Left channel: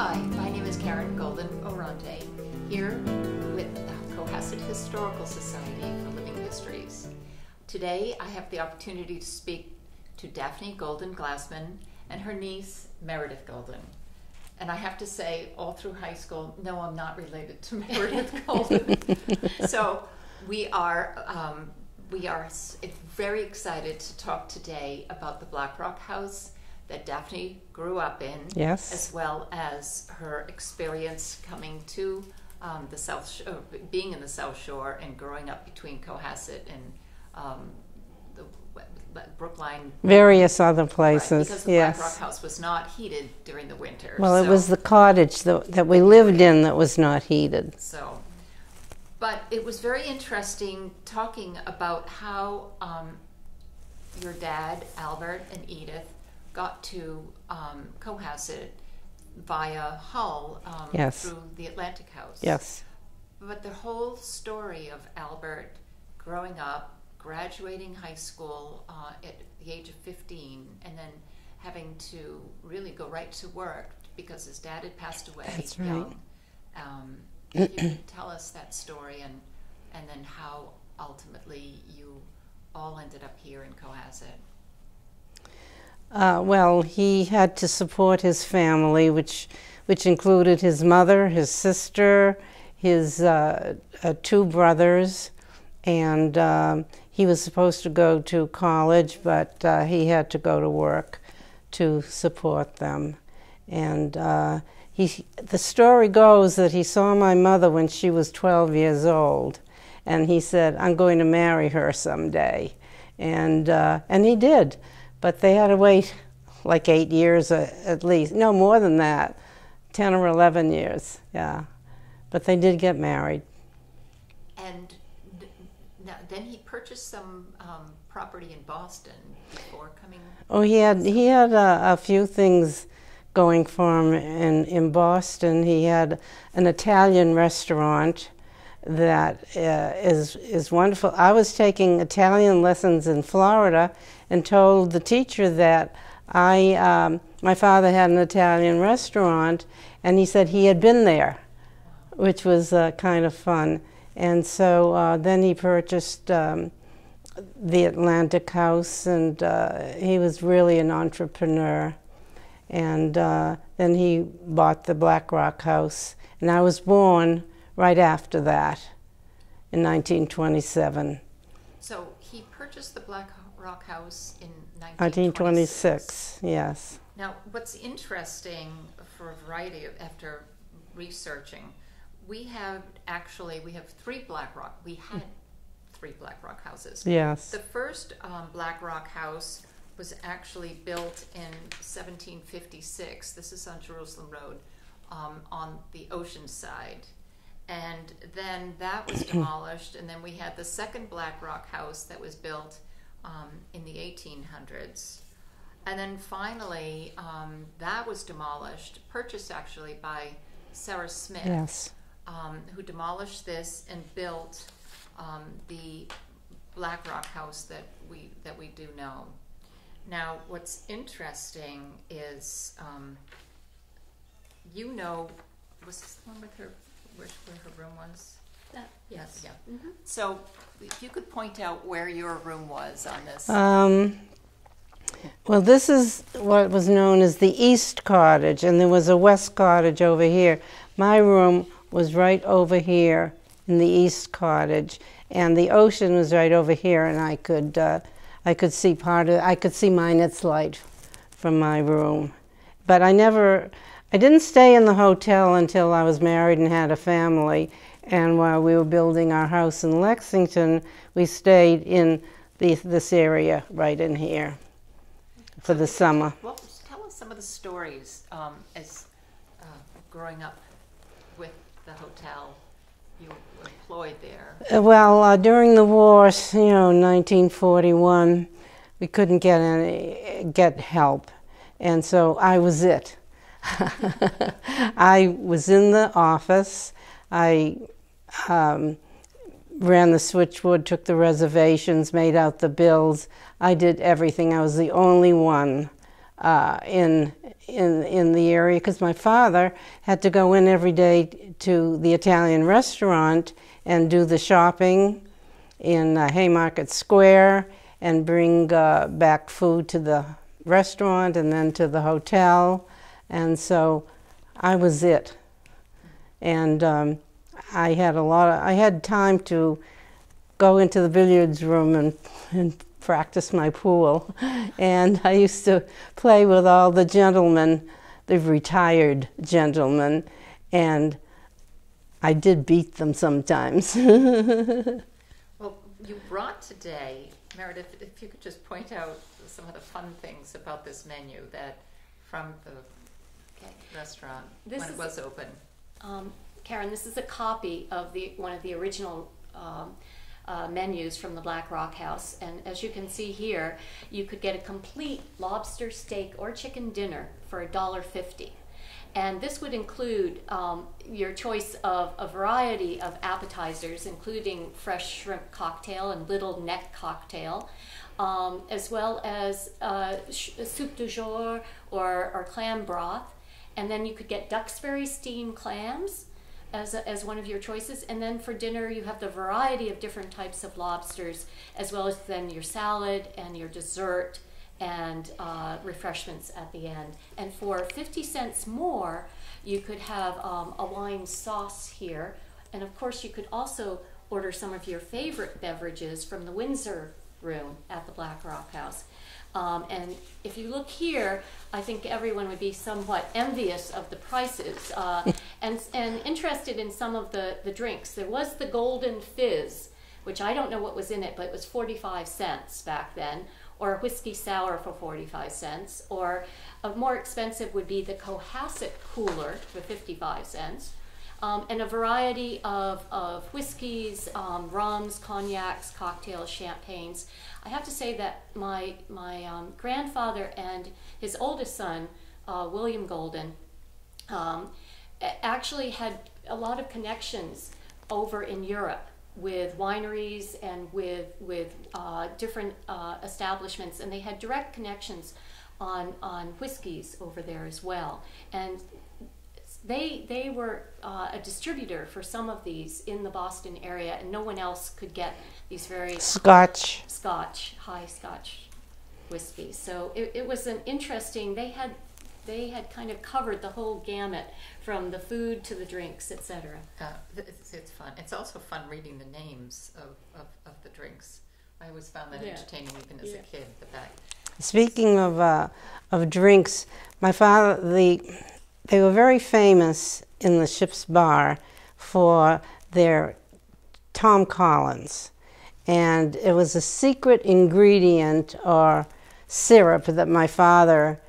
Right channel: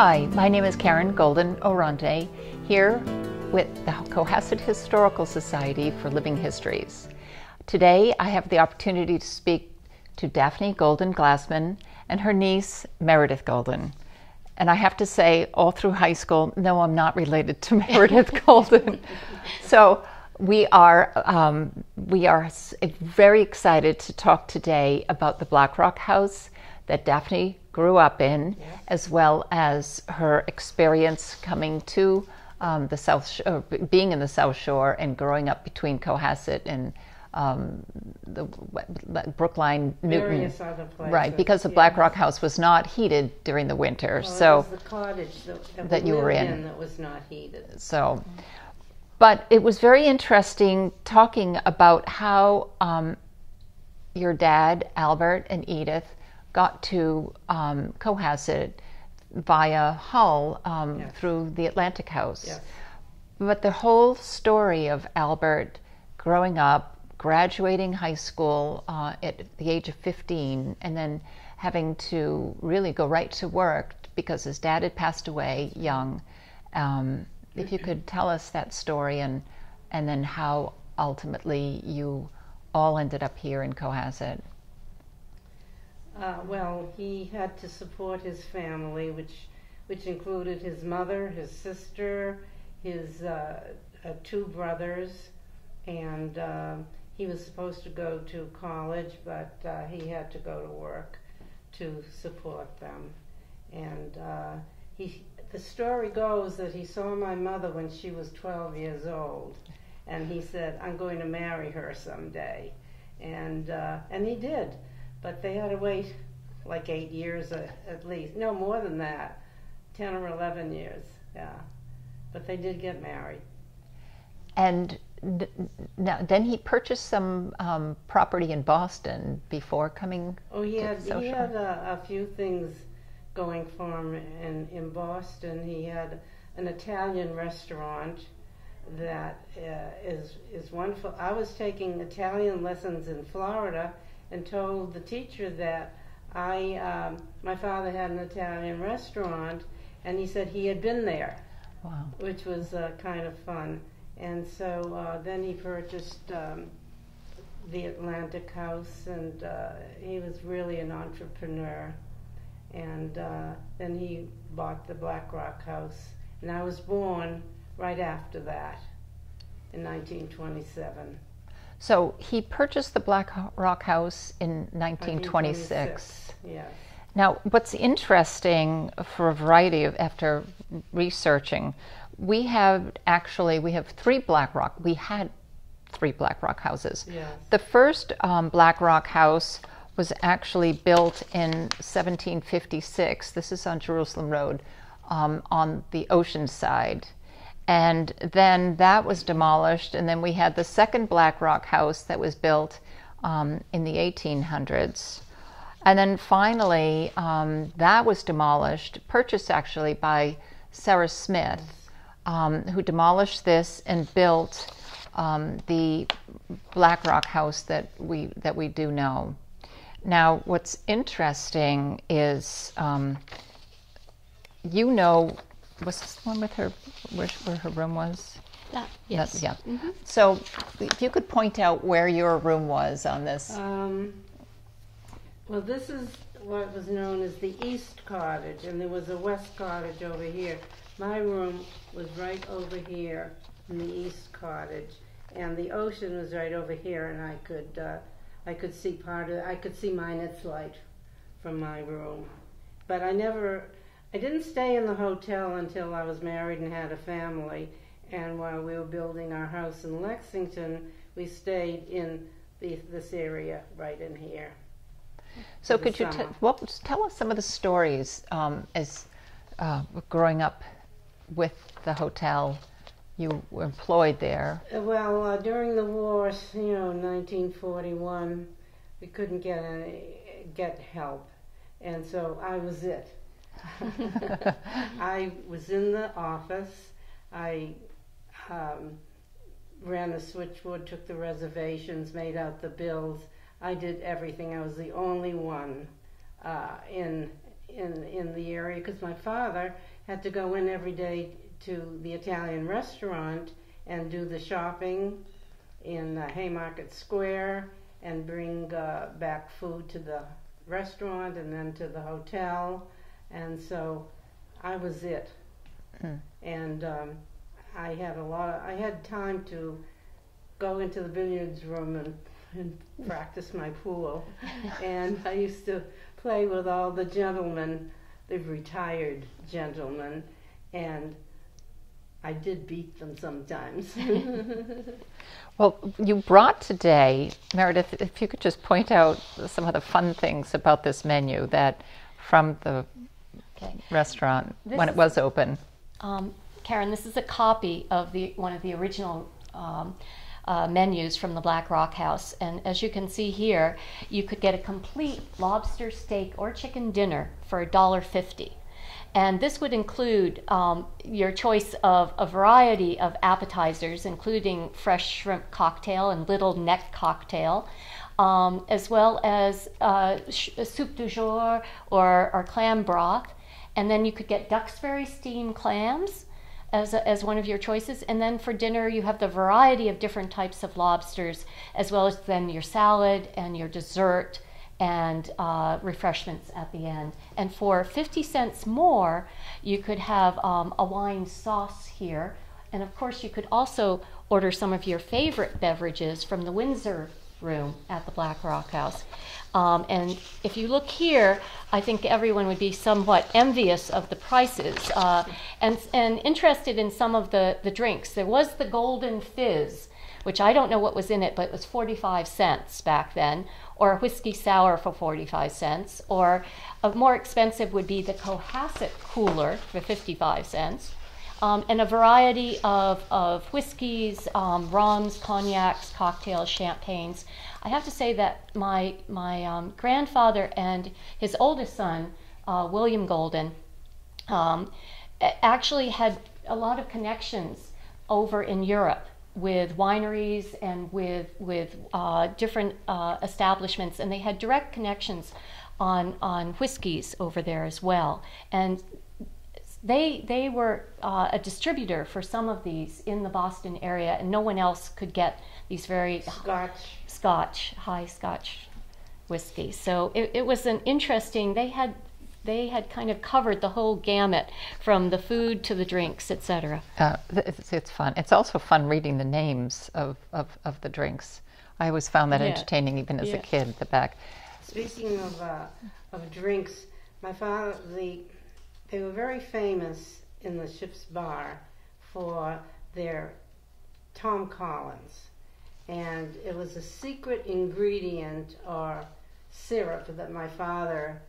Hi, my name is Golden Oronte, here with the Cohasset Historical Society for Living Histories. Today I have the opportunity to speak to Daphne Golden Glassman and her niece Meredith Golden. And I have to say, all through high school, no, I'm not related to Meredith Golden. So we are very excited to talk today about the Black Rock House that Daphne grew up in, yes, as well as her experience coming to the South Shore, being in the South Shore and growing up between Cohasset and the Brookline, various other places. Right, because the Black Rock House was not heated during the winter. Well, so it was the cottage that we lived in that was not heated. So, but it was very interesting talking about how your dad, Albert, and Edith got to Cohasset via Hull yes, through the Atlantic House. Yes. But the whole story of Albert growing up, graduating high school at the age of 15, and then having to really go right to work because his dad had passed away. That's young. Right. If you could tell us that story and then how ultimately you all ended up here in Cohasset. Well, he had to support his family, which included his mother, his sister, his two brothers, and he was supposed to go to college, but he had to go to work to support them. And the story goes that he saw my mother when she was 12 years old, and he said, "I'm going to marry her someday," and he did. But they had to wait like 8 years at least. No, more than that, 10 or 11 years, yeah. But they did get married. And now, then he purchased some property in Boston before coming. Oh, he had a few things going for him in Boston. He had an Italian restaurant that is wonderful. I was taking Italian lessons in Florida and told the teacher that my father had an Italian restaurant, and he said he had been there. Wow. Which was kind of fun. And so then he purchased the Atlantic House, and he was really an entrepreneur. And then he bought the Black Rock House, and I was born right after that in 1927. So he purchased the Black Rock House in 1926. Yes. Now, what's interesting for a variety of, after researching, we had three Black Rock. We had three Black Rock houses. Yes. The first Black Rock house was actually built in 1756. This is on Jerusalem Road, on the ocean side. And then that was demolished, and then we had the second Black Rock house that was built in the 1800s. And then finally, that was demolished, purchased actually by Sarah Smith, yes, who demolished this and built the Black Rock house that we do know. Now, what's interesting is, was this one with her, where her room was? Yes. Yeah. Mm-hmm. So if you could point out where your room was on this. Well, this is what was known as the East Cottage, and there was a West Cottage over here. My room was right over here in the East Cottage, and the ocean was right over here, and I could see part of it. I could see Minot's Light from my room. But I didn't stay in the hotel until I was married and had a family, and while we were building our house in Lexington, we stayed in this area right in here for the summer. Well, tell us some of the stories as growing up with the hotel. You were employed there. Well, during the war, 1941, we couldn't get help, and so I was it. I was in the office. I ran the switchboard, took the reservations, made out the bills. I did everything. I was the only one in the area, because my father had to go in every day to the Italian restaurant and do the shopping in Haymarket Square and bring back food to the restaurant and then to the hotel. And so I was it. And I had time to go into the billiards room and practice my pool. And I used to play with all the gentlemen, the retired gentlemen, and I did beat them sometimes. Well, you brought today, Meredith, if you could just point out some of the fun things about this menu that from the restaurant when it was open. Karen, this is a copy of one of the original menus from the Black Rock House, and as you can see here, you could get a complete lobster, steak, or chicken dinner for $1.50. And this would include your choice of a variety of appetizers, including fresh shrimp cocktail and little neck cocktail, as well as soup du jour or clam broth. And then you could get Duxbury steamed clams as one of your choices. And then for dinner, you have the variety of different types of lobsters, as well as then your salad and your dessert and refreshments at the end. And for 50 cents more, you could have a wine sauce here. And of course, you could also order some of your favorite beverages from the Windsor room at the Black Rock House. And if you look here, I think everyone would be somewhat envious of the prices and interested in some of the drinks. There was the Golden Fizz, which I don't know what was in it, but it was 45 cents back then, or a whiskey sour for 45 cents, or a more expensive would be the Cohasset cooler for 55 cents, and a variety of whiskeys, rums, cognacs, cocktails, champagnes. I have to say that my grandfather and his oldest son, William Golden, actually had a lot of connections over in Europe with wineries and with different establishments, and they had direct connections on whiskeys over there as well. And they were a distributor for some of these in the Boston area, and no one else could get these very high Scotch whiskey. So it was an interesting. They had kind of covered the whole gamut from the food to the drinks, etc. It's fun. It's also fun reading the names of the drinks. I always found that entertaining, even as a kid. The back. Speaking of drinks, my father, they were very famous in the ship's bar for their Tom Collins, and it was a secret ingredient or syrup that my father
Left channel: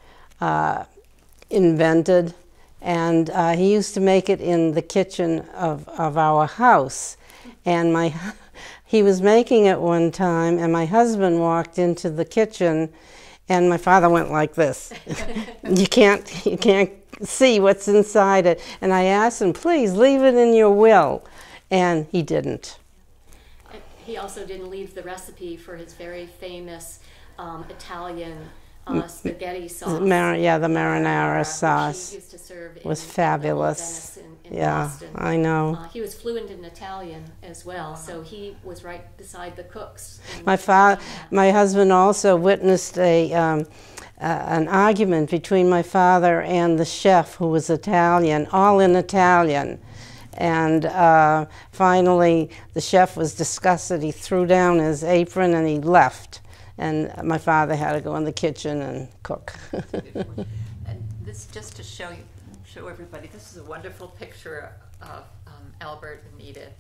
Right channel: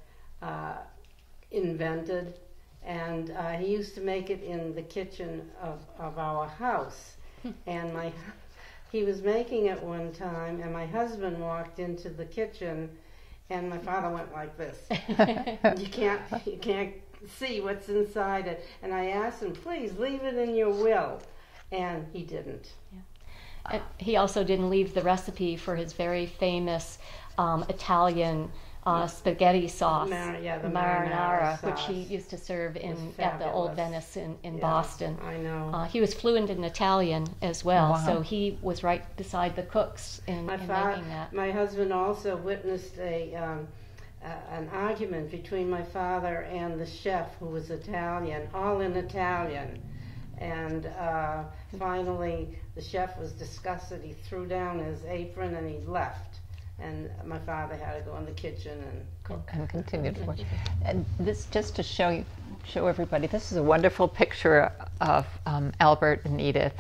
invented, and he used to make it in the kitchen of our house. And he was making it one time, and my husband walked into the kitchen, and my father went like this. You can't see what's inside it. And I asked him, please leave it in your will, and he didn't. Yeah. He also didn't leave the recipe for his very famous Italian spaghetti sauce. The marinara sauce. Which he used to serve in was fabulous. The Old Venice in Boston. I know. He was fluent in Italian as well, wow. So he was right beside the cooks. My husband also witnessed an argument between my father and the chef, who was Italian, all in Italian. And finally, the chef was disgusted. He threw down his apron and he left. And my father had to go in the kitchen and cook. And this, just to show everybody, this is a wonderful picture of Albert and Edith.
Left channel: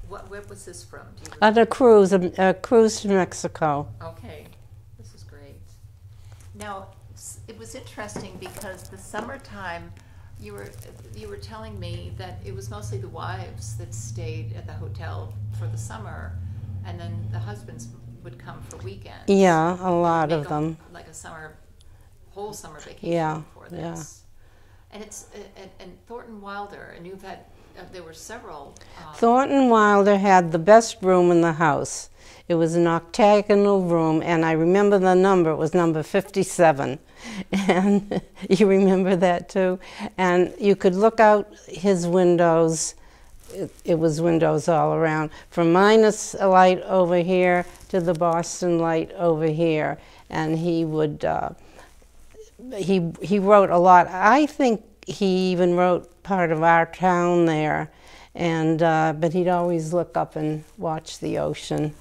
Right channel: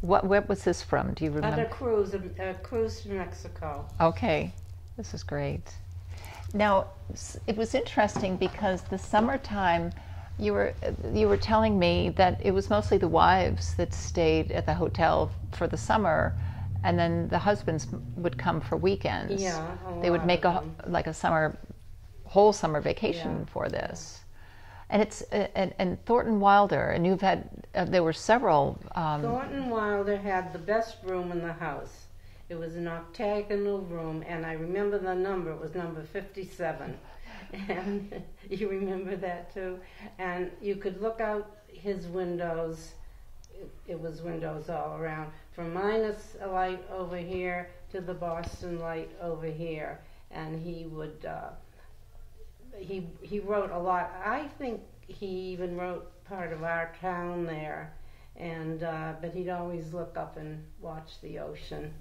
Where was this from? Do you remember? On a cruise to Mexico. Okay, this is great. Now, it was interesting because the summertime, you were telling me that it was mostly the wives that stayed at the hotel for the summer, and then the husbands would come for weekends. Yeah, a lot of them. They would make like a whole summer vacation for this. Yeah. And it's and Thornton Wilder, and you've had there were several. Thornton Wilder had the best room in the house. It was an octagonal room, and I remember the number. It was number 57. And you remember that too? And you could look out his windows. It was windows all around, from Minus light over here to the Boston light over here. And he would, he wrote a lot. I think he even wrote part of our town there. And but he'd always look up and watch the ocean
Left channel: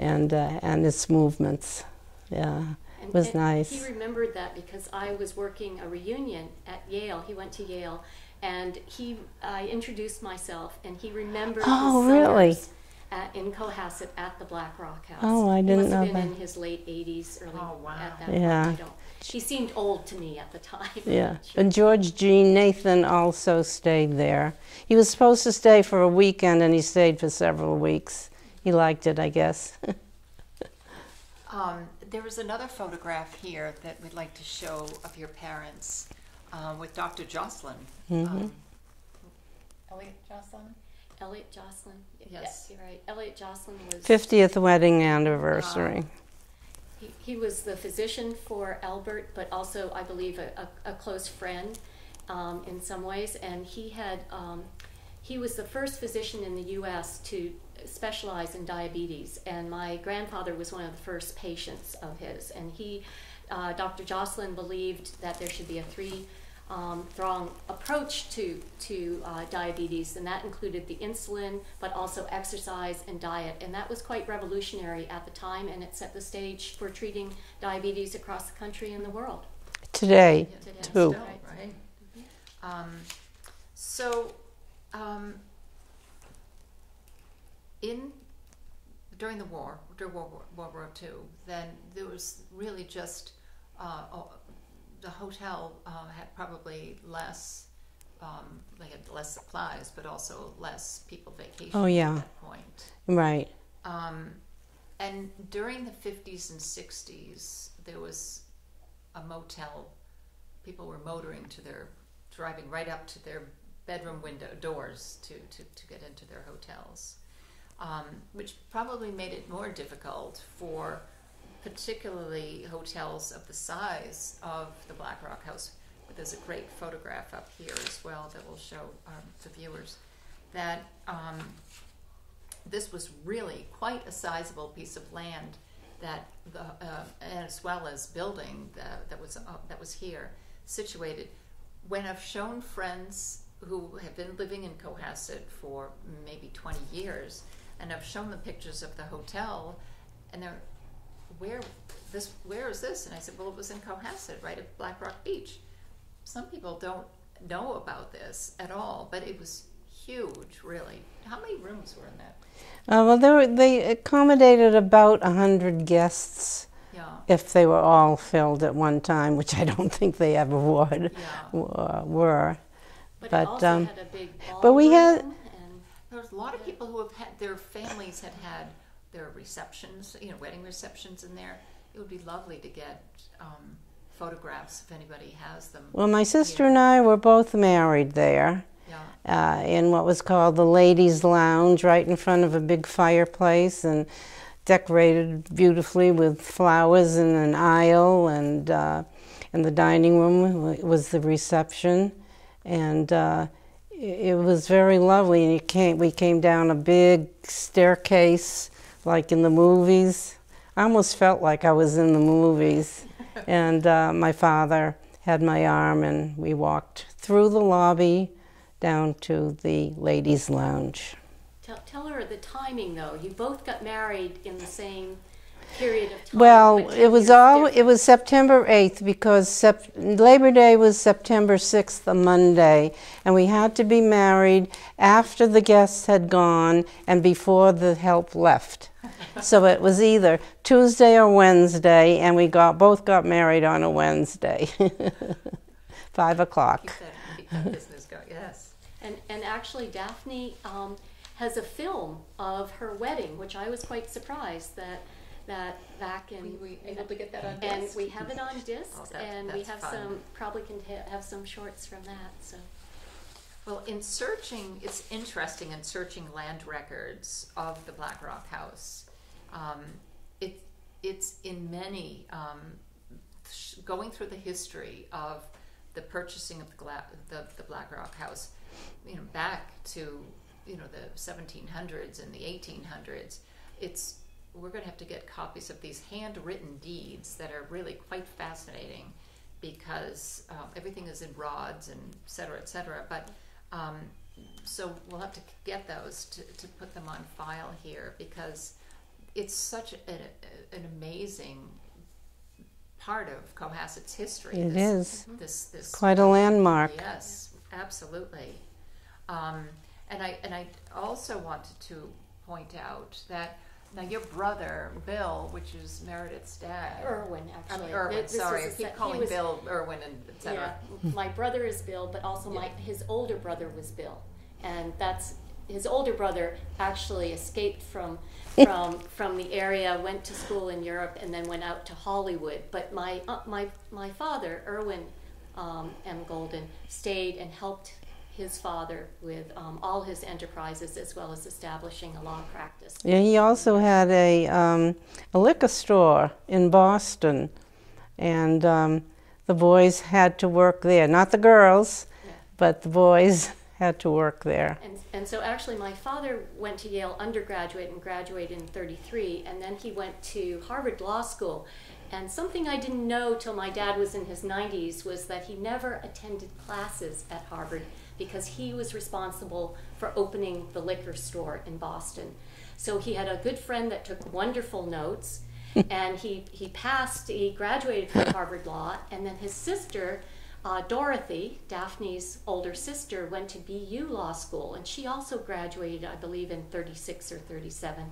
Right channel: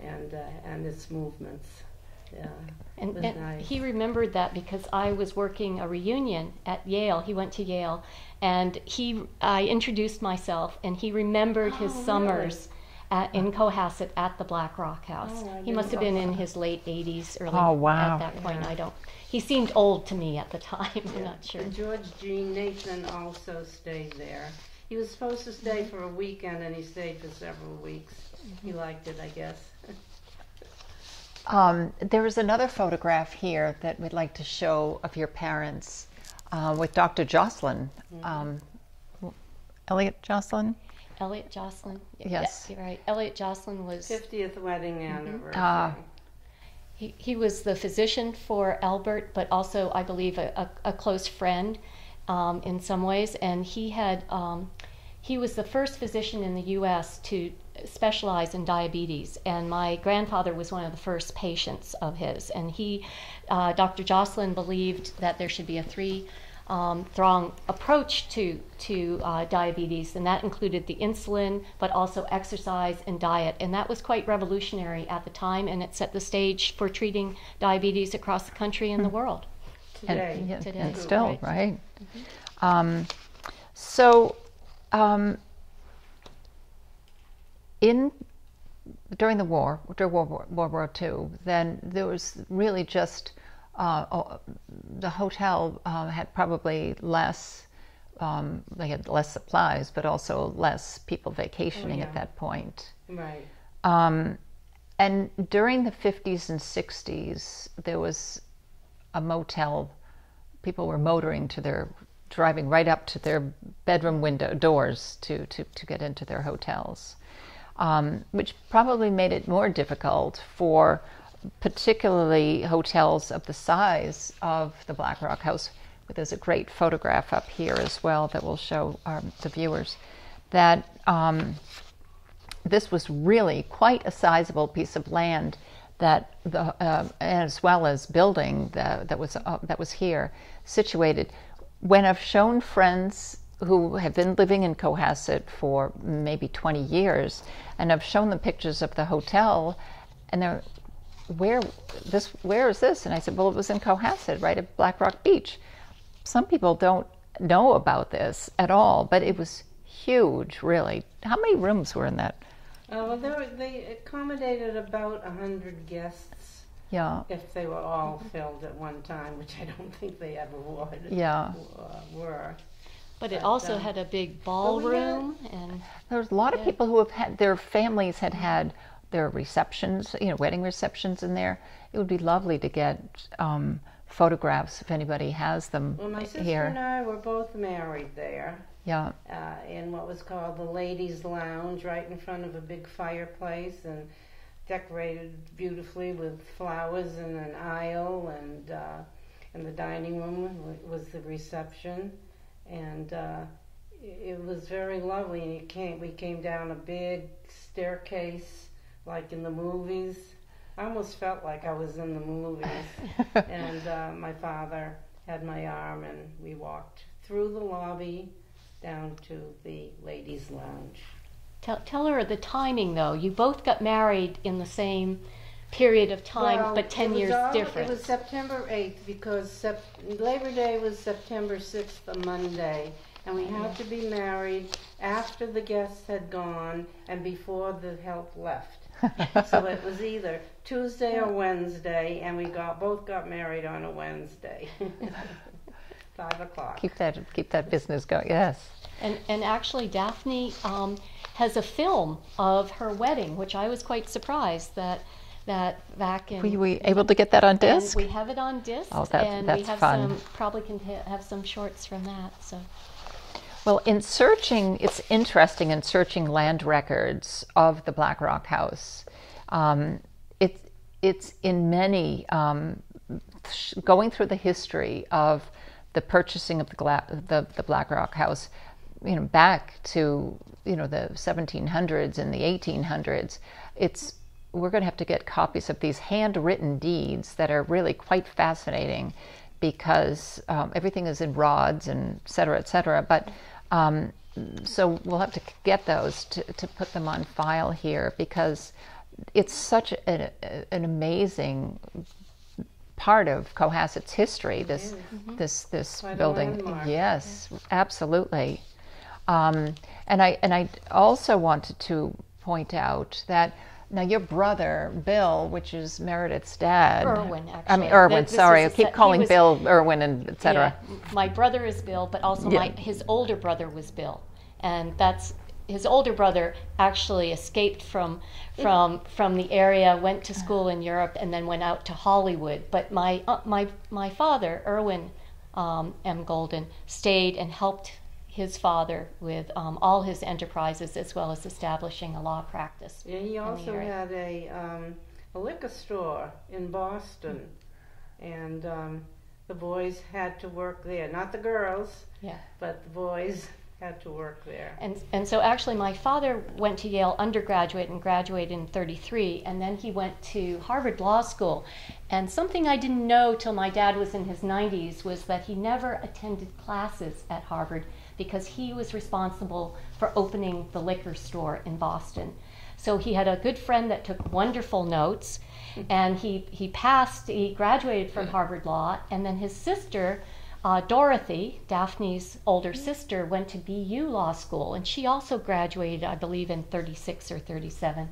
and its movements. Yeah, it was nice. He remembered that because I was working a reunion at Yale. He went to Yale, and I introduced myself, and he remembered his summers in Cohasset at the Black Rock House. Oh, I didn't know that. He must have been in his late 80s, early. Oh, wow. At that point, he seemed old to me at the time. Yeah, Sure. and George G. Nathan also stayed there. He was supposed to stay for a weekend, and he stayed for several weeks. He liked it, I guess. There is another photograph here that we'd like to show of your parents with Dr. Jocelyn. Elliot Jocelyn? Elliot Jocelyn. Yes. Yeah, you're right. Elliot Jocelyn was 50th wedding anniversary. He was the physician for Albert, but also, I believe, a close friend in some ways. And he was the first physician in the U.S. to specialize in diabetes. And my grandfather was one of the first patients of his. And Dr. Jocelyn believed that there should be a three-pronged approach to diabetes, and that included the insulin, but also exercise and diet. And that was quite revolutionary at the time, and it set the stage for treating diabetes across the country and the world. Today, Still, right? During World War II, then there was really just the hotel had probably less. They had less supplies, but also less people vacationing at that point. Right. And during the 50s and 60s, there was a motel. People were driving right up to their bedroom window doors to get into their hotels, which probably made it more difficult for particularly hotels of the size of the Black Rock House. But there's a great photograph up here as well that will show the viewers that this was really quite a sizable piece of land that as well as building that was here situated. When I've shown friends who have been living in Cohasset for maybe 20 years, and I've shown them pictures of the hotel, and they're, where is this? And I said, well, it was in Cohasset, right at Black Rock Beach. Some people don't know about this at all, but it was huge, really. How many rooms were in that? Well, they accommodated about 100 guests. Yeah. If they were all filled at one time, which I don't think they ever would. Yeah. Were. But it also had a big ballroom. But we had. And there was a lot of people who have had their families had their receptions, wedding receptions in there. It would be lovely to get photographs if anybody has them. Well, my sister and I were both married there. Yeah. In what was called the Ladies' Lounge, right in front of a big fireplace, and decorated beautifully with flowers in an aisle, and in the dining room was the reception, and it was very lovely. And we came down a big staircase, like in the movies. I almost felt like I was in the movies. And my father had my arm, and we walked through the lobby down to the ladies' lounge. Tell her the timing, though. You both got married in the same period of time. Well, but 10 it was years it was September 8th, because Labor Day was September 6th, a Monday, and we had to be married after the guests had gone and before the help left. So it was either Tuesday or Wednesday, and we both got married on a Wednesday. 5 o'clock. Keep that business going. Yes. And actually, Daphne has a film of her wedding, which I was quite surprised that back in. Were we able to get that on disc? We have it on disc. Oh, and that's we have fun. Probably can have some shorts from that. So. Well, it's interesting in searching land records of the Black Rock House. It's in many, going through the history of the purchasing of the Black Rock House, back to, the 1700s and the 1800s. We're going to have to get copies of these handwritten deeds that are really quite fascinating, because everything is in rods and et cetera, et cetera. But so we'll have to get those to put them on file here, because it's such an amazing part of Cohasset's history. This quite building. a landmark. Yes, absolutely. And I also wanted to point out that now your brother Bill, which is Meredith's dad, Irwin, actually. I mean Irwin. Sorry, I keep calling Bill Irwin and etc. Yeah, my brother is Bill, but also his older brother was Bill, and that's his older brother actually escaped from the area, went to school in Europe, and then went out to Hollywood. But my father, Irwin M. Golden, stayed and helped his father with all his enterprises, as well as establishing a law practice. Yeah, he also had a liquor store in Boston, and the boys had to work there. Not the girls, but the boys had to work there. And so actually my father went to Yale undergraduate and graduated in 1933, and then he went to Harvard Law School. And something I didn't know till my dad was in his 90s was that he never attended classes at Harvard, because he was responsible for opening the liquor store in Boston. So he had a good friend that took wonderful notes, and he graduated from Harvard Law, and then his sister, Dorothy, Daphne's older sister, went to BU Law School, and she also graduated, I believe, in 1936 or 1937.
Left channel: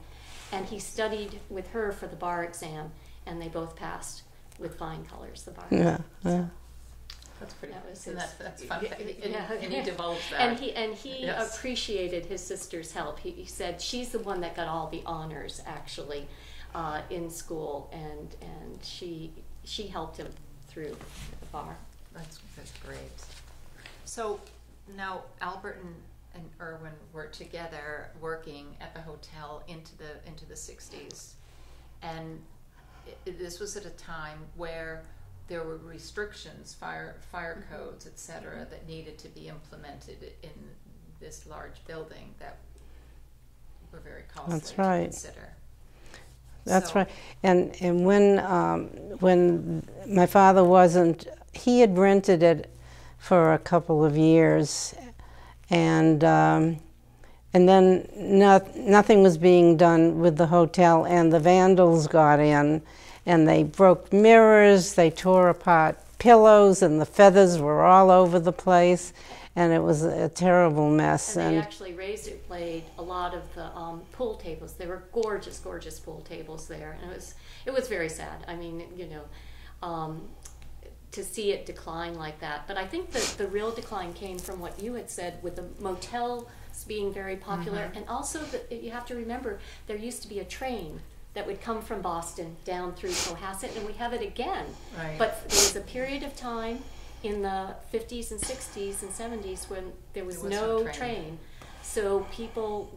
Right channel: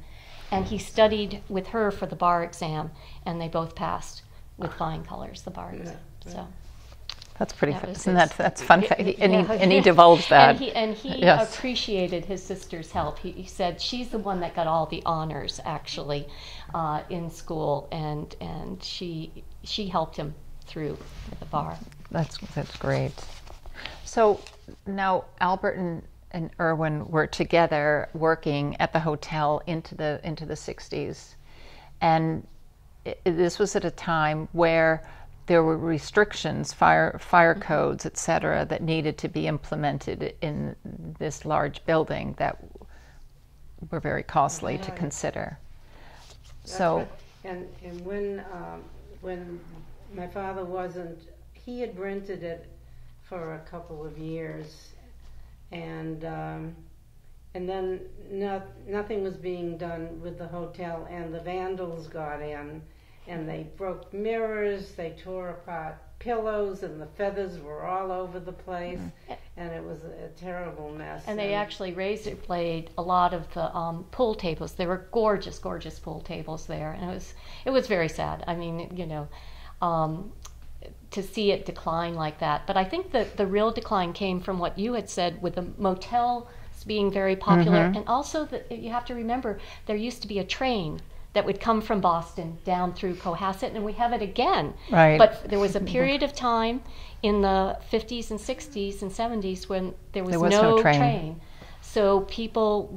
And he studied with her for the bar exam, and they both passed with flying colors, the bar exam. So. That's pretty fun. That's fun. And he divulged that. And he appreciated his sister's help. He said she's the one that got all the honors, actually, in school, and she helped him through at the bar. That's great. So now Albert and Irwin were together working at the hotel into the 60s, and this was at a time where there were restrictions, fire codes, etc., that needed to be implemented in this large building that were very costly to consider. That's right. And when my father wasn't, he had rented it for a couple of years, and then nothing was being done with the hotel, and the vandals got in, and they broke mirrors, they tore apart pillows, and the feathers were all over the place, and it was a terrible mess. And they actually razor blade a lot of the pool tables. They were gorgeous, gorgeous pool tables there, and it was very sad. I mean, to see it decline like that. But I think that the real decline came from what you had said, with the motels being very popular, and also that you have to remember there used to be a train that would come from Boston down through Cohasset, and we have it again. Right. But there was a period of time in the 50s and 60s and 70s when there was no train. So people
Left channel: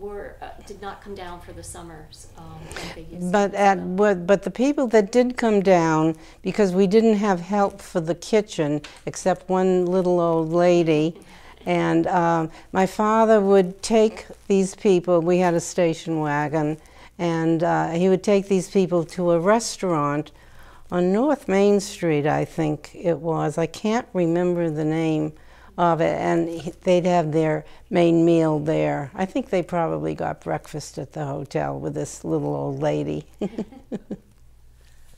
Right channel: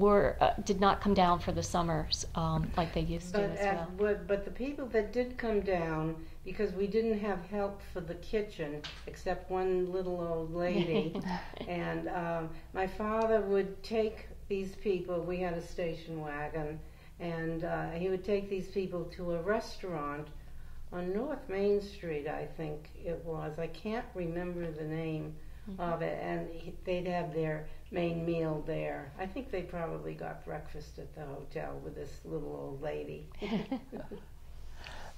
did not come down for the summers like they used to. But the people that did come down, because we didn't have help for the kitchen except one little old lady, and my father would take these people. We had a station wagon, and he would take these people to a restaurant on North Main Street, I think it was. I can't remember the name of it, and they'd have their main meal there. I think they probably got breakfast at the hotel with this little old lady.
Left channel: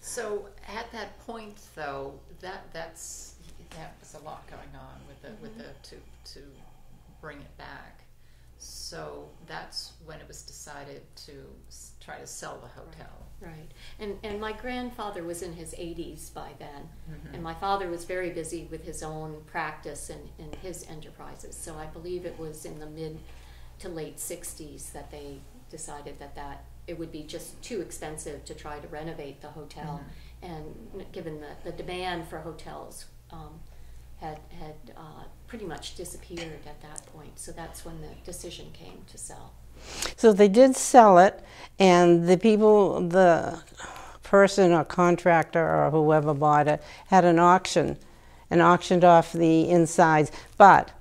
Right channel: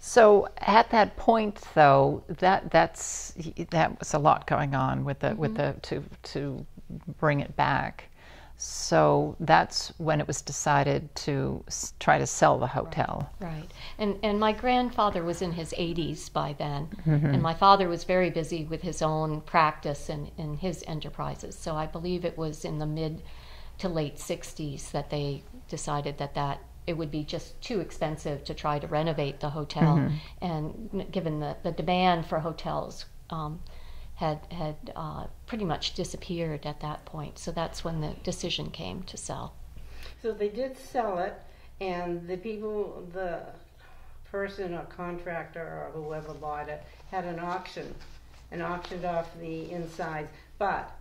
So at that point, though, that was a lot going on with the to bring it back. So that's when it was decided to try to sell the hotel. Right. And my grandfather was in his 80s by then, and my father was very busy with his own practice and his enterprises. So I believe it was in the mid to late 60s that they decided that it would be just too expensive to try to renovate the hotel, and given the demand for hotels had pretty much disappeared at that point. So that's when the decision came to sell. So they did sell it, And the people, the person or contractor or whoever bought it, had an auction and auctioned off the insides. But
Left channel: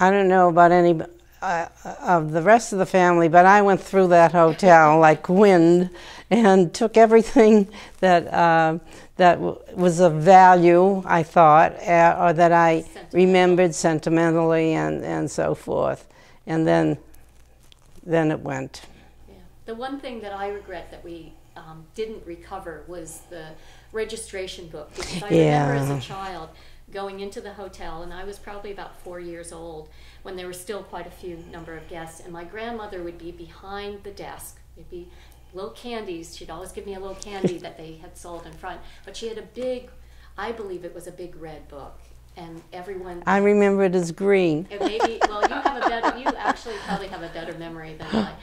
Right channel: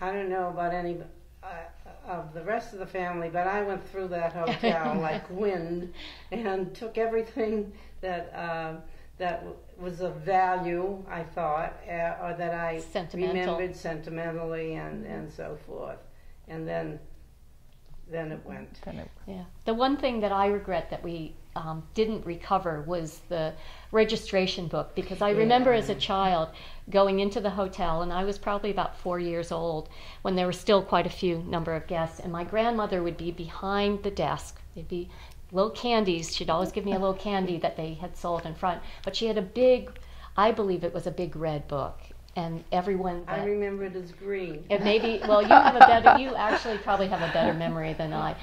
I don't know about any of the rest of the family, but I went through that hotel like wind and took everything that was of value, I thought, or that I remembered sentimentally and so forth. And then it went. Yeah. The one thing that I regret that we didn't recover was the registration book, because I remember as a child going into the hotel, and I was probably about 4 years old when there were still quite a few number of guests, and my grandmother would be behind the desk. There'd be little candies. She'd always give me a little candy that they had sold in front, but she had a big, I believe it was a big red book, and everyone... I remember it as green. It maybe, well, you actually probably have a better memory than I.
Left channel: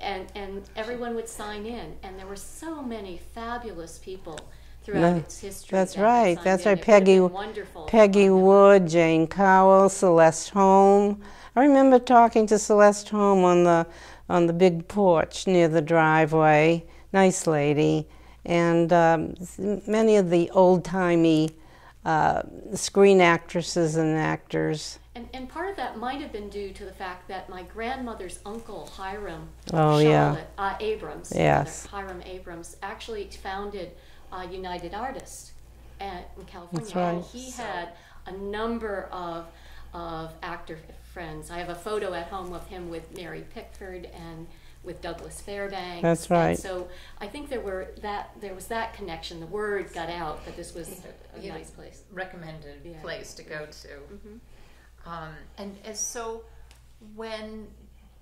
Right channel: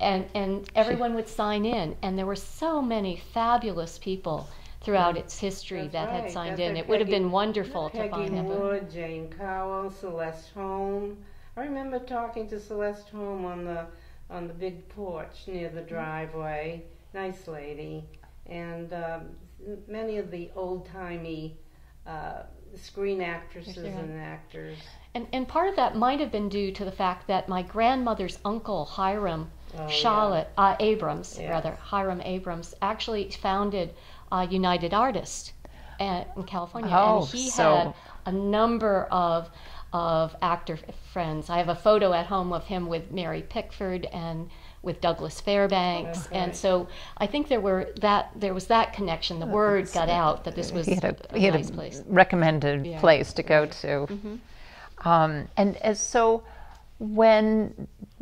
And everyone would sign in, and there were so many fabulous people throughout its history. That's that right. had That's signed in. right. It would have been wonderful. Peggy Wood, Jane Cowell, Celeste Holm. I remember talking to Celeste Holm on the big porch near the driveway. Nice lady, and many of the old-timey screen actresses and actors. And part of that might have been due to the fact that my grandmother's uncle, Hiram Abrams, Hiram Abrams, actually founded United Artists in California. And he had a number of actor friends. I have a photo at home of him with Mary Pickford and with Douglas Fairbanks. That's right. And so I think there was that connection. The word got out that this was a nice place. Recommended place to go to. So when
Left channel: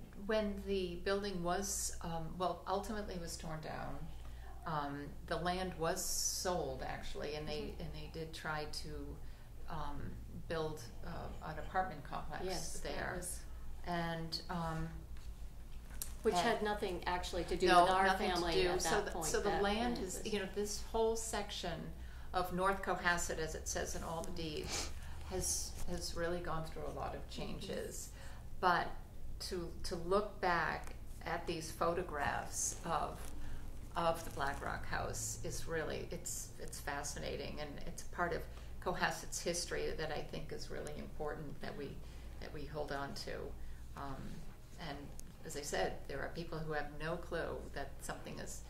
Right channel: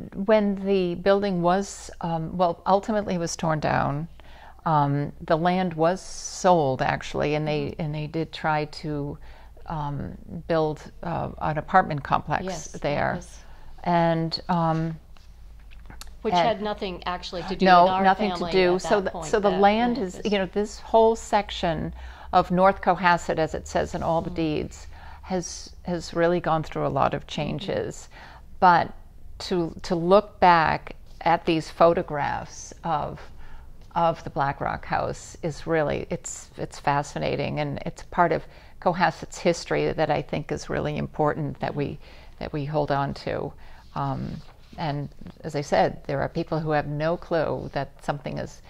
the building was, ultimately it was torn down, the land was sold actually, and they did try to build an apartment complex there. And which had nothing actually to do with our nothing family to do. at that point. So the land is, this whole section of North Cohasset, as it says in all the deeds, has really gone through a lot of changes. But to look back at these photographs of the Black Rock House is really, it's fascinating, and it's part of Cohasset's history that I think is really important that we hold on to. And as I said, there are people who have no clue that something is.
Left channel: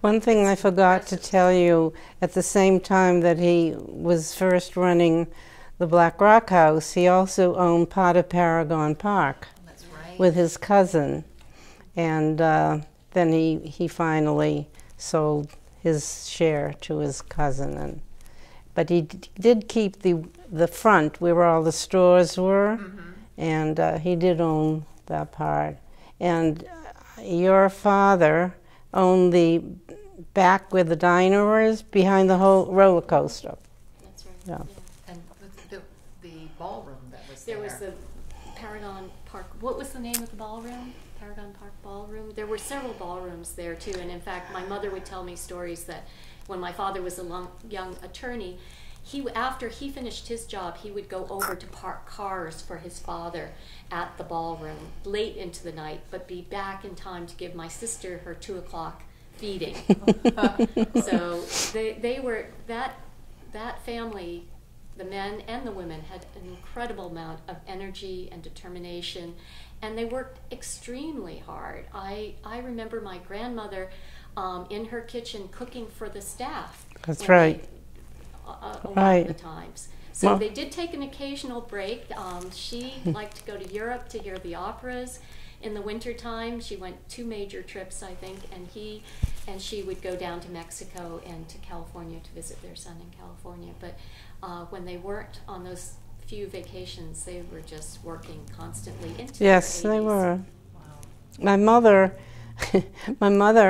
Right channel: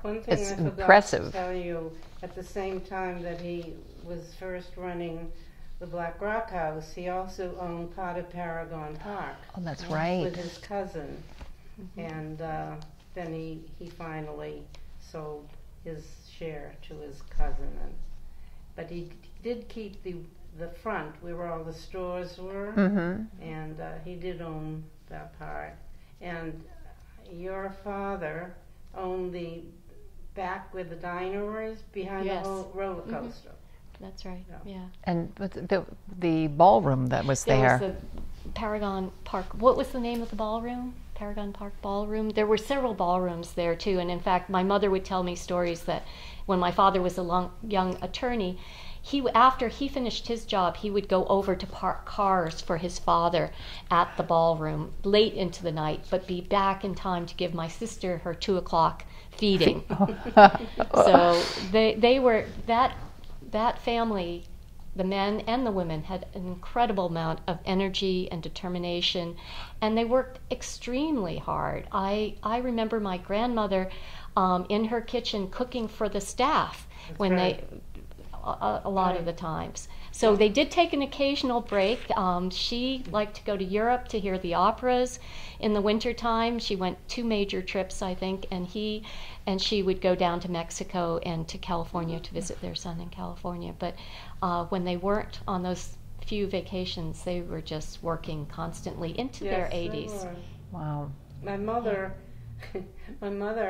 One thing I forgot to tell you, at the same time that he was first running the Black Rock House, he also owned part of Paragon Park. Oh, that's right. With his cousin. And then he finally sold his share to his cousin. But he did keep the front where all the stores were, and he did own that part. And your father owned the back where the diner is, behind the whole roller coaster. That's right. Yeah. And the ballroom that was there. There was the Paragon Park. What was the name of the ballroom? Paragon Park Ballroom. There were several ballrooms there too. And in fact, my mother would tell me stories that when my father was a young attorney, after he finished his job, he would go over to park cars for his father at the ballroom late into the night, but be back in time to give my sister her 2 o'clock feeding. So they were, that family, the men and the women, had an incredible amount of energy and determination, and they worked extremely hard. I remember my grandmother in her kitchen cooking for the staff. That's right. A lot of the times. So they did take an occasional break. She liked to go to Europe to hear the operas in the wintertime. She went 2 major trips, I think, and she would go down to Mexico and to California to visit their son in California. But when they weren't on those few vacations, they were just working constantly into their 80s. Yes, they were. Wow. My mother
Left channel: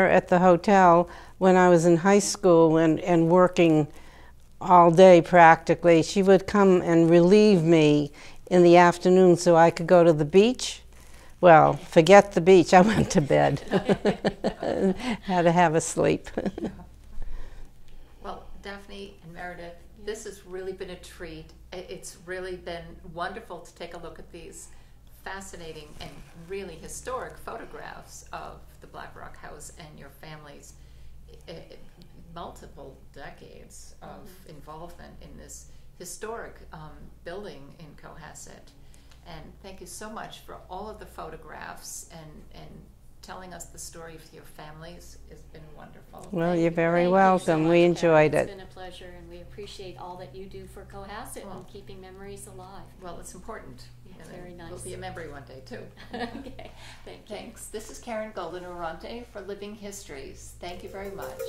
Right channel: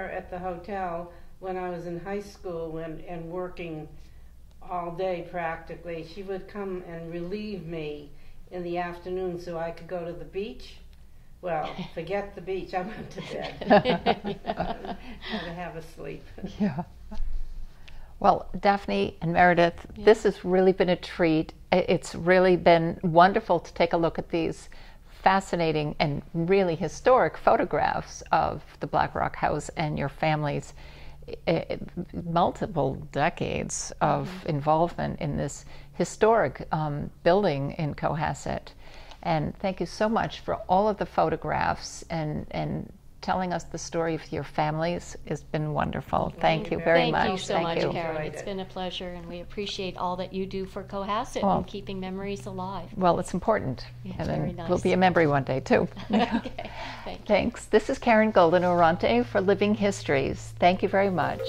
at the hotel, when I was in high school and working all day practically, she would come and relieve me in the afternoon so I could go to the beach. Well, forget the beach, I went to bed. Had to have a sleep. Yeah. Well, Daphne and Meredith, this has really been a treat. It's really been wonderful to take a look at these fascinating and really historic photographs of the Black Rock House and your family's multiple decades of involvement in this historic building in Cohasset. And thank you so much for all of the photographs and telling us the story of your families. It's been wonderful. Well, Thank you're you very very much. welcome. We Karen. enjoyed It's it. been a pleasure, and we appreciate all that you do for Cohasset Well, and keeping memories alive. Well, it's important. Yeah, and very then nice. we'll be a memory one day, too. Okay, thank you. Thanks. This is Karen Golden Oronte for Living Histories. Thank you very much.